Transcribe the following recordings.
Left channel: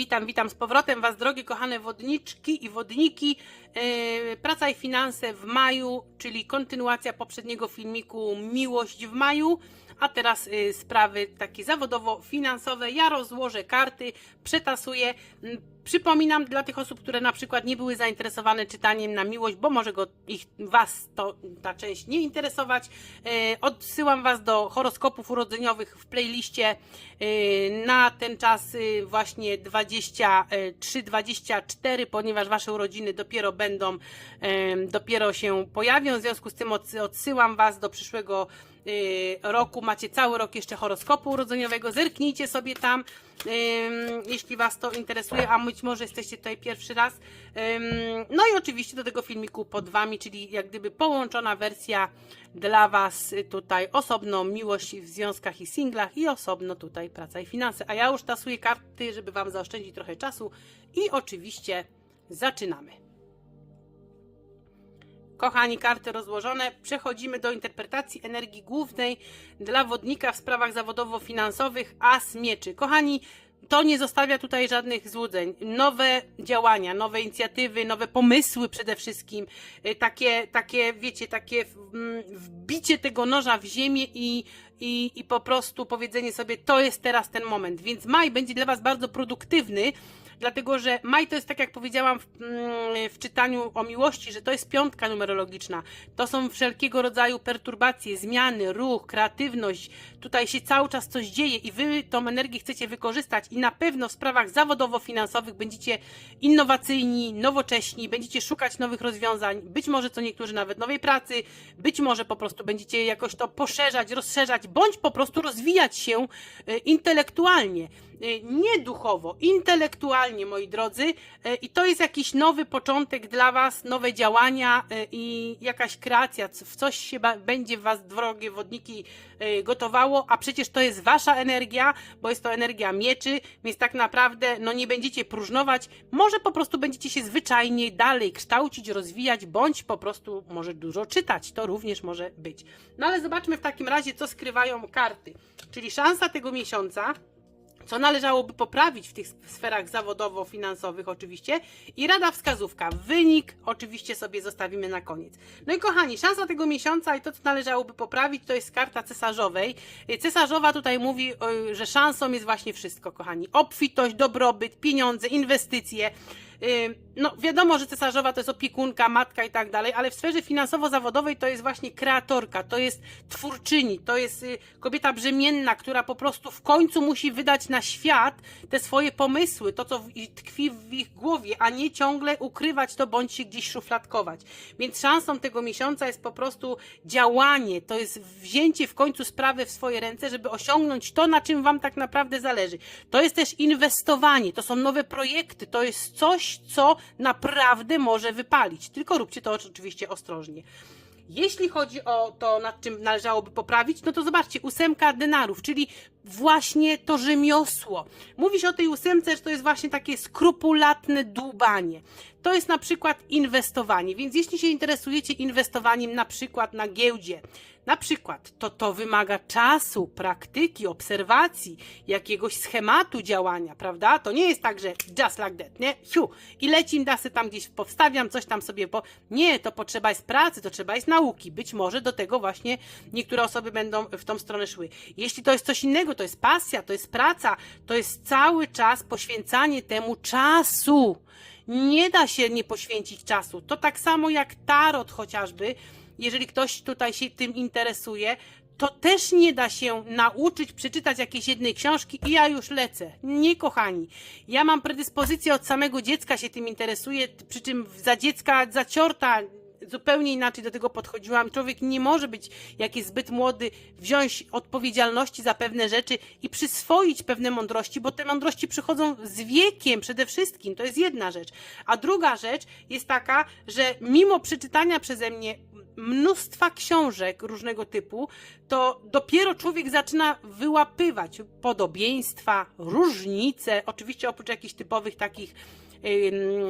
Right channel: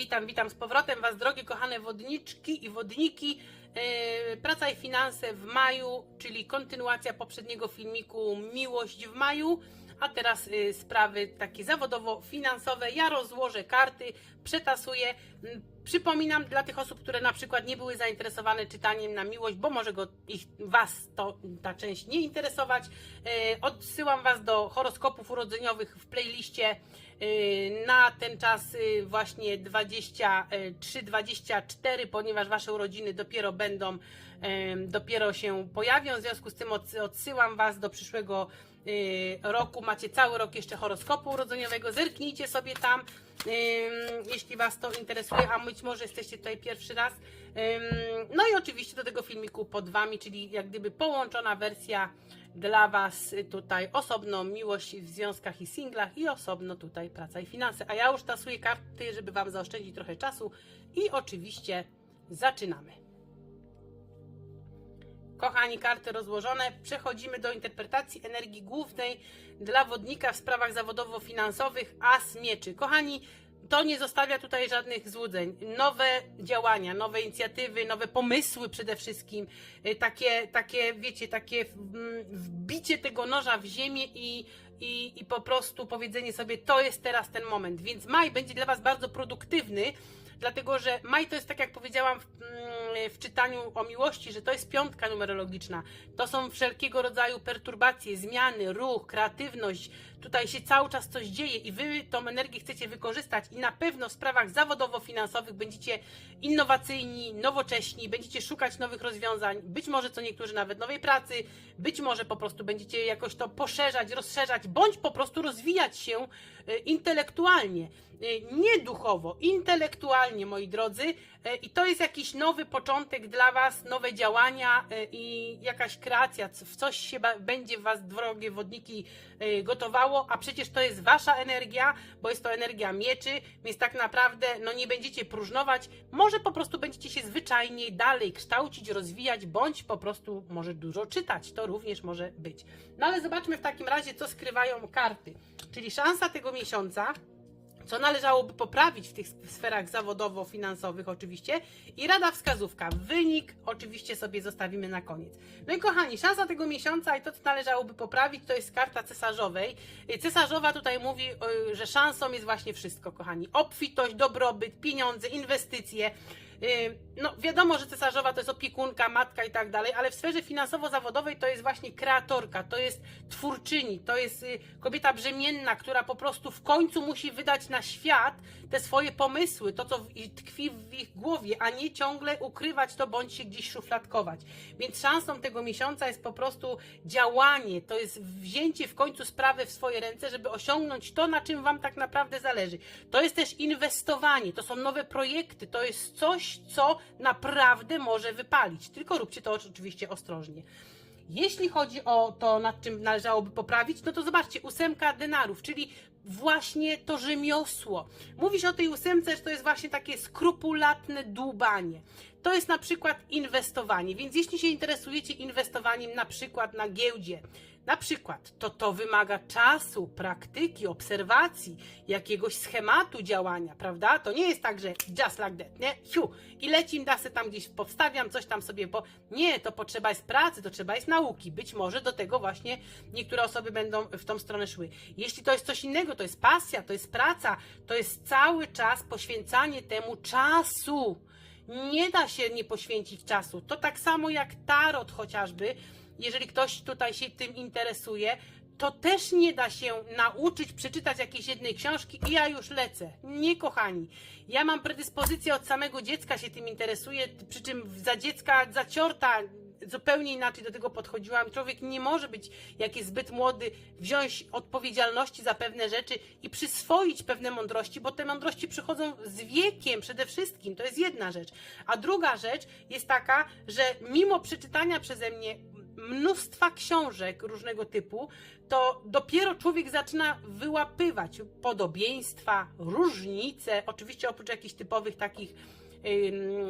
Witam, witam z powrotem Was, drogie kochane wodniczki i wodniki. Yy, Praca i finanse w maju, czyli kontynuacja poprzedniego filmiku Miłość w maju. A teraz yy, sprawy takie zawodowo-finansowe. Ja rozłożę karty, przetasuję. Mm, Przypominam dla tych osób, które na przykład nie były zainteresowane czytaniem na miłość, bo może go, ich, Was to ta część nie interesować. Yy, Odsyłam Was do horoskopów urodzeniowych w playliście yy, na ten czas właśnie 23-24, ponieważ Wasze urodziny dopiero będą, dopiero się pojawią. W związku z tym odsy- odsyłam Was do przyszłego roku. Macie cały rok jeszcze horoskopu urodzeniowego. Zerknijcie sobie tam, yy, jeśli Was to interesuje, a być może jesteście tutaj pierwszy raz. Yy, No i oczywiście do tego filmiku pod Wami, czyli jak gdyby połączona wersja dla Was y, tutaj osobno miłość w związkach i singlach i osobno tutaj praca i finanse. A ja już tasuję karty, żeby Wam zaoszczędzić trochę czasu i oczywiście zaczynamy. Kochani, karty rozłożone. Przechodzimy do interpretacji energii głównej dla wodnika w sprawach zawodowo-finansowych As Mieczy. Kochani, to nie zostawia tutaj żadnych złudzeń. Nowe działania, nowe inicjatywy, nowe pomysły przede wszystkim. Y, Takie, takie wiecie, takie mm, wbicie tego noża w ziemię i, i, i po prostu powiedzenie sobie, to jest teraz ten moment. Więc maj będzie dla Was bardzo produktywny dlatego że maj to jest tak jak powiedziałam w, mm, w czytaniu o miłości, że to jest piątka numerologiczna. To są wszelkiego rodzaju perturbacje, zmiany, ruch, kreatywność. Tutaj się cały czas coś dzieje i wy tą energię chcecie wykorzystać i na pewno w sprawach zawodowo-finansowych będziecie innowacyjni, nowocześni, będziecie szukać nowych rozwiązań, być może co niektórzy nawet nowej pracy, być może po prostu będziecie jakoś to poszerzać, rozszerzać, bądź po prostu rozwijać się y, intelektualnie. Y, Nie duchowo, intelektualnie, moi drodzy, Y, i to jest jakiś nowy początek dla Was, nowe działania y, i jakaś kreacja, w coś się będzie Was, drogie wodniki, gotowało, a przecież to jest Wasza energia, bo jest to energia mieczy, więc tak naprawdę no nie będziecie próżnować, może po prostu będziecie się zwyczajnie dalej kształcić, rozwijać, bądź po prostu może dużo czytać, to również może być. No ale zobaczmy w takim razie, co skrywają karty, czyli szansa tego miesiąca, co należałoby poprawić w tych sferach zawodowo-finansowych oczywiście i rada wskazówka. Wynik oczywiście sobie zostawimy na koniec. No i kochani, szansa tego miesiąca i to, co należałoby poprawić, to jest karta cesarzowej. Y, Cesarzowa tutaj mówi, y, że szansą jest właśnie wszystko, kochani. Obfitość, dobrobyt, pieniądze, inwestycje. No, wiadomo, że cesarzowa to jest opiekunka, matka i tak dalej, ale w sferze finansowo-zawodowej to jest właśnie kreatorka, to jest twórczyni, to jest y, kobieta brzemienna, która po prostu w końcu musi wydać na świat te swoje pomysły, to co tkwi w ich głowie, a nie ciągle ukrywać to bądź się gdzieś szufladkować. Więc szansą tego miesiąca jest po prostu działanie, to jest wzięcie w końcu sprawy w swoje ręce, żeby osiągnąć to, na czym Wam tak naprawdę zależy. To jest też inwestowanie, to są nowe projekty, to jest coś, co naprawdę może wypalić. Tylko róbcie to oczywiście ostrożnie. Jeśli chodzi o to, nad czym należałoby poprawić, no to zobaczcie, ósemka denarów, czyli właśnie to rzemiosło. Mówi się o tej ósemce, że to jest właśnie takie skrupulatne dłubanie. To jest na przykład inwestowanie, więc jeśli się interesujecie inwestowaniem na przykład na giełdzie, na przykład, to to wymaga czasu, praktyki, obserwacji, jakiegoś schematu działania, prawda? To nie jest tak, że just like that, nie? Fiu, i lecim, da se tam gdzieś powstawiam, coś tam sobie, po... nie, to potrzeba jest pracy, to trzeba jest nauki. Być może do tego właśnie niektóre osoby będą w tą stronę szły. Jeśli to jest coś innego, to jest pasja, to jest praca, to jest cały czas poświęcanie temu czasu. Nie da się nie poświęcić czasu. To tak samo jak tarot chociażby, jeżeli ktoś tutaj się tym interesuje, to też nie da się nauczyć przeczytać jakiejś jednej książki i ja już lecę. Nie, kochani. Ja mam predyspozycję od samego dziecka się tym interesuję, przy czym za dziecka zaciorta zupełnie inaczej do tego podchodziłam. Człowiek nie może być, jak jest zbyt młody, wziąć odpowiedzialności za pewne rzeczy i przyswoić pewne mądrości, bo te mądrości przychodzą z wiekiem przede wszystkim. To jest jedna rzecz. A druga rzecz jest taka, że mimo przeczytania przeze mnie mnóstwa książek różnego typu, to dopiero człowiek zaczyna wyłapywać podobieństwa, różnice, oczywiście oprócz jakichś typowych takich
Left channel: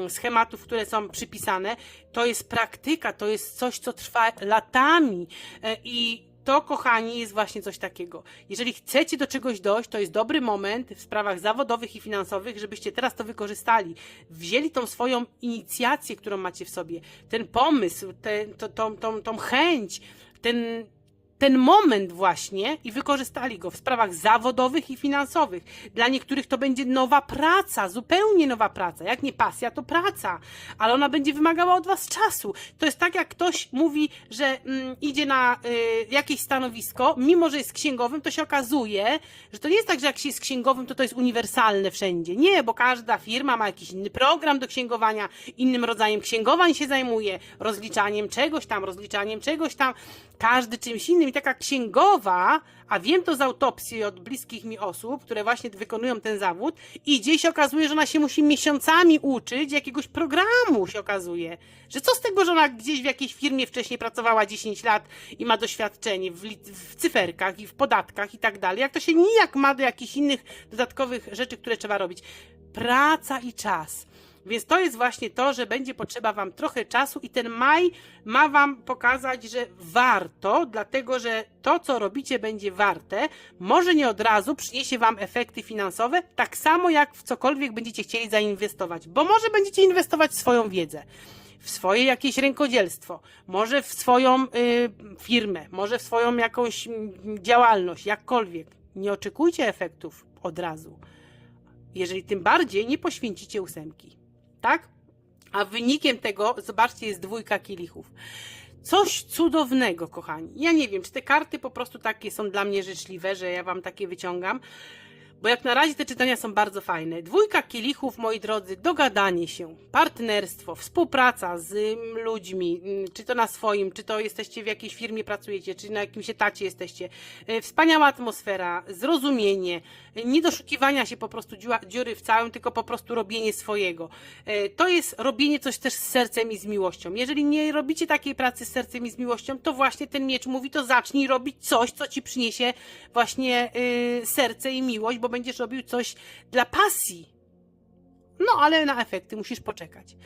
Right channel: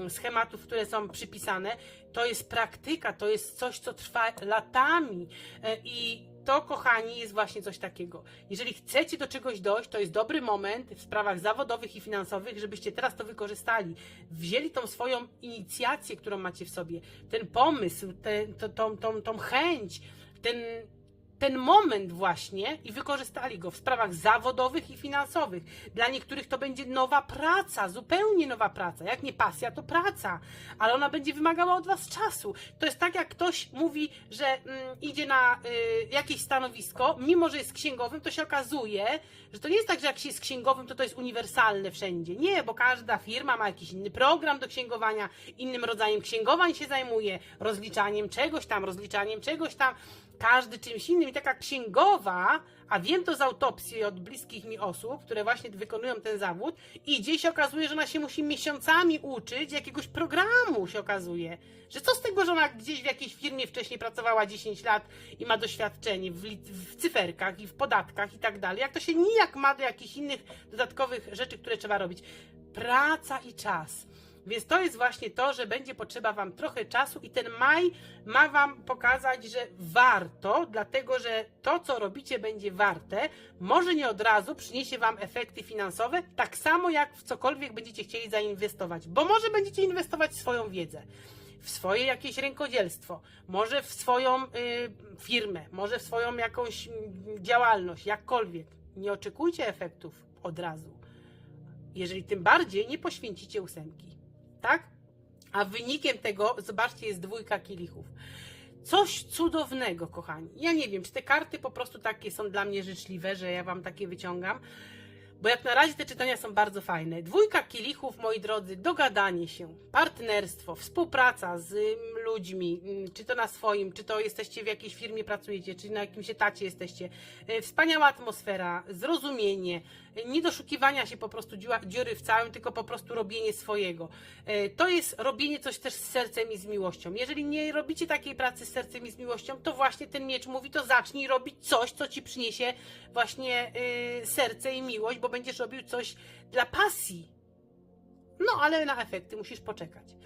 schematów, które są przypisane, to jest praktyka, to jest coś, co trwa latami E, i to, kochani, jest właśnie coś takiego. Jeżeli chcecie do czegoś dojść, to jest dobry moment w sprawach zawodowych i finansowych, żebyście teraz to wykorzystali. Wzięli tą swoją inicjację, którą macie w sobie, ten pomysł, te, to, tą, tą, tą chęć, ten, ten moment właśnie i wykorzystali go w sprawach zawodowych i finansowych. Dla niektórych to będzie nowa praca, zupełnie nowa praca. Jak nie pasja, to praca, ale ona będzie wymagała od Was czasu. To jest tak, jak ktoś mówi, że mm, idzie na y, jakieś stanowisko, mimo że jest księgowym, to się okazuje, że to nie jest tak, że jak się jest księgowym, to to jest uniwersalne wszędzie. Nie, bo każda firma ma jakiś inny program do księgowania, innym rodzajem księgowań się zajmuje, rozliczaniem czegoś tam, rozliczaniem czegoś tam, każdy czymś innym. I taka księgowa, a wiem to z autopsji od bliskich mi osób, które właśnie wykonują ten zawód, idzie i się okazuje, że ona się musi miesiącami uczyć jakiegoś programu, się okazuje. Że co z tego, że ona gdzieś w jakiejś firmie wcześniej pracowała 10 lat i ma doświadczenie w, w cyferkach i w podatkach i tak dalej, jak to się nijak ma do jakichś innych dodatkowych rzeczy, które trzeba robić. Praca i czas. Więc to jest właśnie to, że będzie potrzeba Wam trochę czasu i ten maj ma Wam pokazać, że warto, dlatego że to, co robicie, będzie warte. Może nie od razu przyniesie Wam efekty finansowe, tak samo jak w cokolwiek będziecie chcieli zainwestować, bo może będziecie inwestować swoją wiedzę w swoje jakieś rękodzielstwo, może w swoją y, firmę, może w swoją jakąś mm, działalność, jakkolwiek. Nie oczekujcie efektów od razu. Jeżeli tym bardziej nie poświęcicie ósemki. Tak? A wynikiem tego, zobaczcie, jest dwójka kielichów. Coś cudownego, kochani. Ja nie wiem, czy te karty po prostu takie są dla mnie życzliwe, że ja wam takie wyciągam. Bo jak na razie te czytania są bardzo fajne. Dwójka kielichów, moi drodzy, dogadanie się, partnerstwo, współpraca z mm, ludźmi, mm, czy to na swoim, czy to jesteście w jakiejś firmie, pracujecie, czy na jakimś etacie jesteście. E, Wspaniała atmosfera, zrozumienie, e, nie doszukiwania się po prostu dziury w całym, tylko po prostu robienie swojego. E, To jest robienie coś też z sercem i z miłością. Jeżeli nie robicie takiej pracy z sercem i z miłością, to właśnie ten miecz mówi, to zacznij robić coś, co ci przyniesie właśnie serce i miłość, bo będziesz robił coś dla pasji. No, ale na efekty musisz poczekać.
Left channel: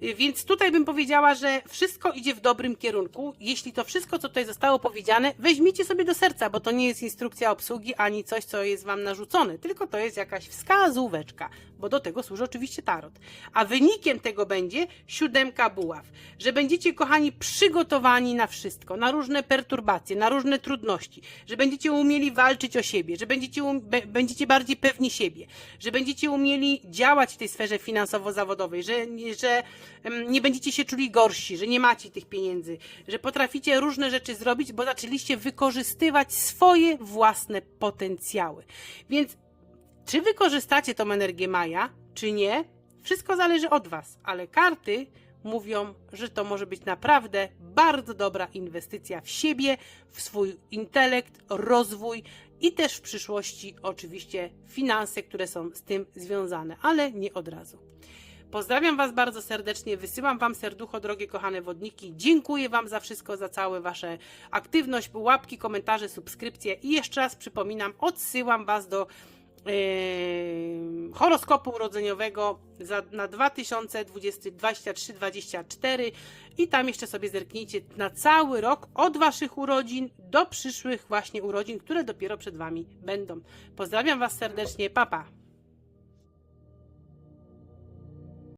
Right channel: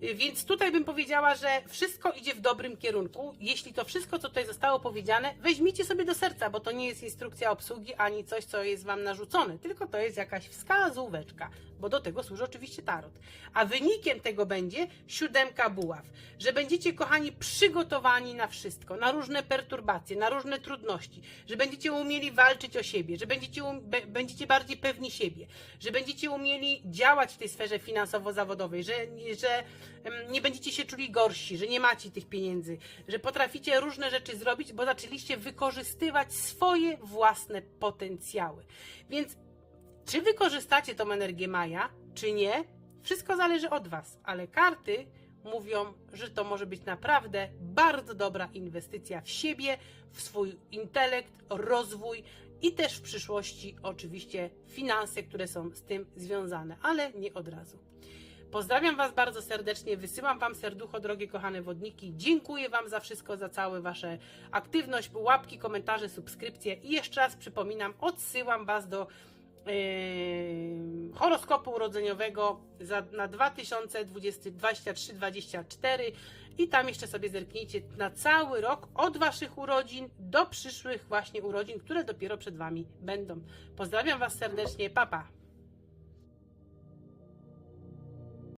Więc tutaj bym powiedziała, że wszystko idzie w dobrym kierunku. Jeśli to wszystko, co tutaj zostało powiedziane, weźmijcie sobie do serca, bo to nie jest instrukcja obsługi ani coś, co jest Wam narzucone, tylko to jest jakaś wskazóweczka, bo do tego służy oczywiście tarot. A wynikiem tego będzie siódemka buław, że będziecie, kochani, przygotowani na wszystko, na różne perturbacje, na różne trudności, że będziecie umieli walczyć o siebie, że będziecie, um, będziecie bardziej pewni siebie, że będziecie umieli działać w tej sferze finansowo-zawodowej, że, że nie będziecie się czuli gorsi, że nie macie tych pieniędzy, że potraficie różne rzeczy zrobić, bo zaczęliście wykorzystywać swoje własne potencjały. Więc czy wykorzystacie tą energię Maja, czy nie, wszystko zależy od Was, ale karty mówią, że to może być naprawdę bardzo dobra inwestycja w siebie, w swój intelekt, rozwój i też w przyszłości oczywiście finanse, które są z tym związane, ale nie od razu. Pozdrawiam Was bardzo serdecznie, wysyłam Wam serducho, drogie kochane wodniki. Dziękuję Wam za wszystko, za całe Wasze aktywność, łapki, komentarze, subskrypcje i jeszcze raz przypominam, odsyłam Was do yy, horoskopu urodzeniowego za, na 2023-2024 i tam jeszcze sobie zerknijcie na cały rok od Waszych urodzin do przyszłych właśnie urodzin, które dopiero przed Wami będą. Pozdrawiam Was serdecznie, papa. Pa.